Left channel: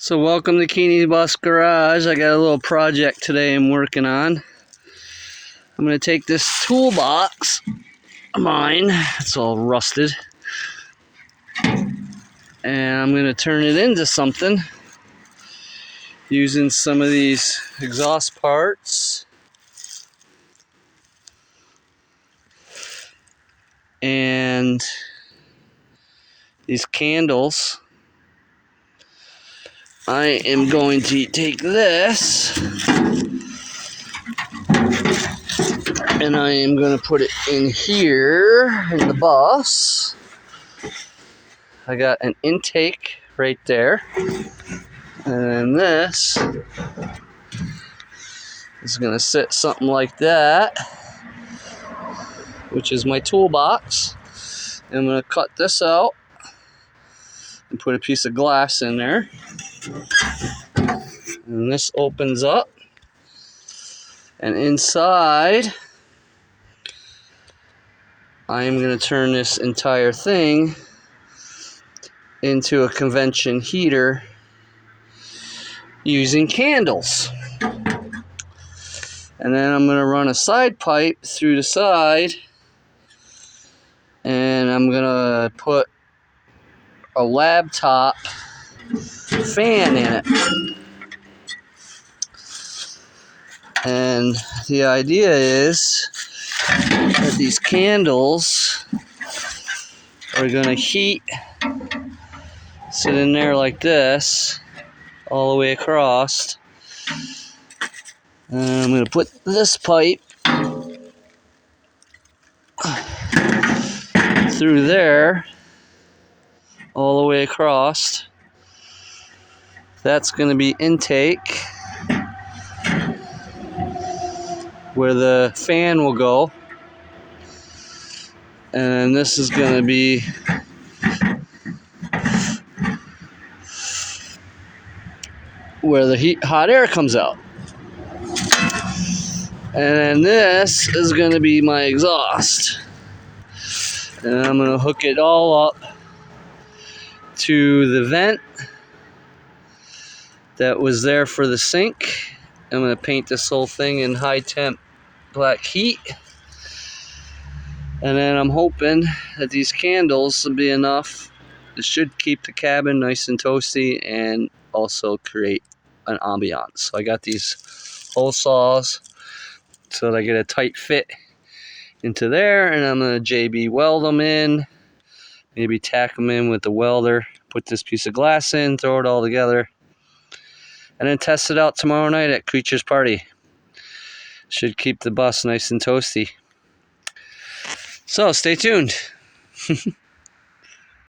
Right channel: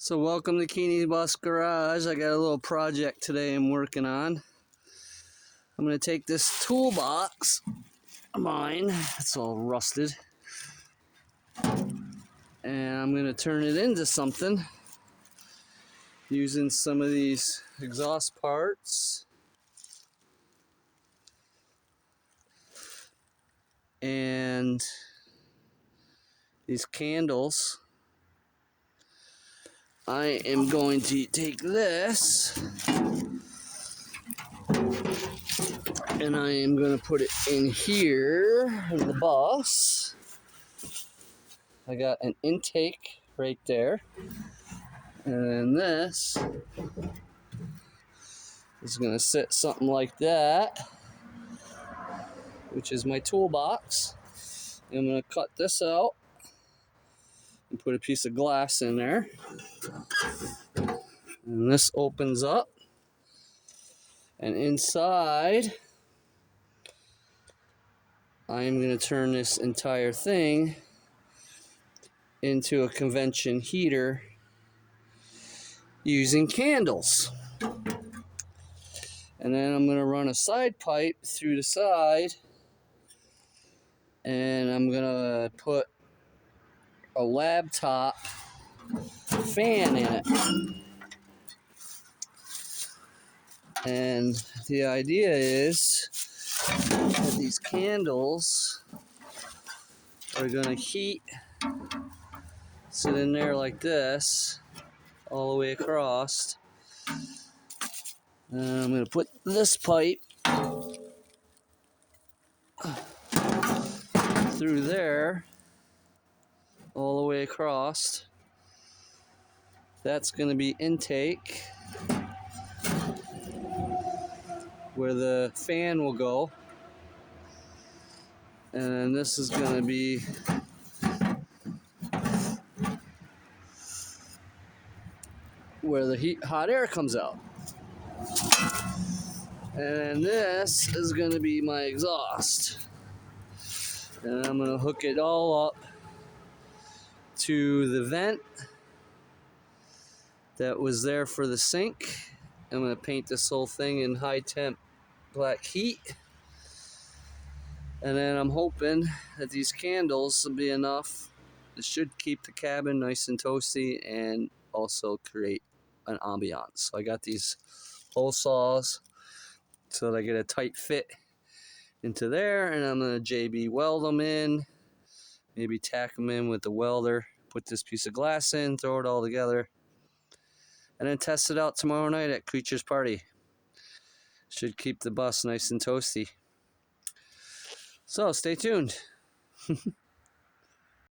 So welcome to Keeney Bus Garage. I got a little project today I'm working on. I'm going to take this toolbox of mine, it's all rusted, and I'm going to turn it into something using some of these exhaust parts and these candles. I am going to take this and I am going to put it in here in the bus. I got an intake right there, and then this is going to sit something like that, which is my toolbox. And I'm going to cut this out and put a piece of glass in there, and this opens up, and inside I am going to turn this entire thing into a convection heater using candles. And then I'm going to run a side pipe through the side, and I'm going to put a laptop fan in it. And the idea is that these candles are going to heat, sit in there like this, all the way across. And I'm going to put this pipe through there, all the way across. That's going to be intake, where the fan will go. And this is going to be where the hot air comes out. And then this is going to be my exhaust. And I'm going to hook it all up to the vent that was there for the sink. I'm going to paint this whole thing in high temp black heat. And then I'm hoping that these candles will be enough. It should keep the cabin nice and toasty and also create an ambiance. So I got these hole saws so that I get a tight fit into there, and I'm going to JB weld them in, maybe tack them in with the welder, put this piece of glass in, throw it all together, and then test it out tomorrow night at Creature's Party. Should keep the bus nice and toasty. So stay tuned.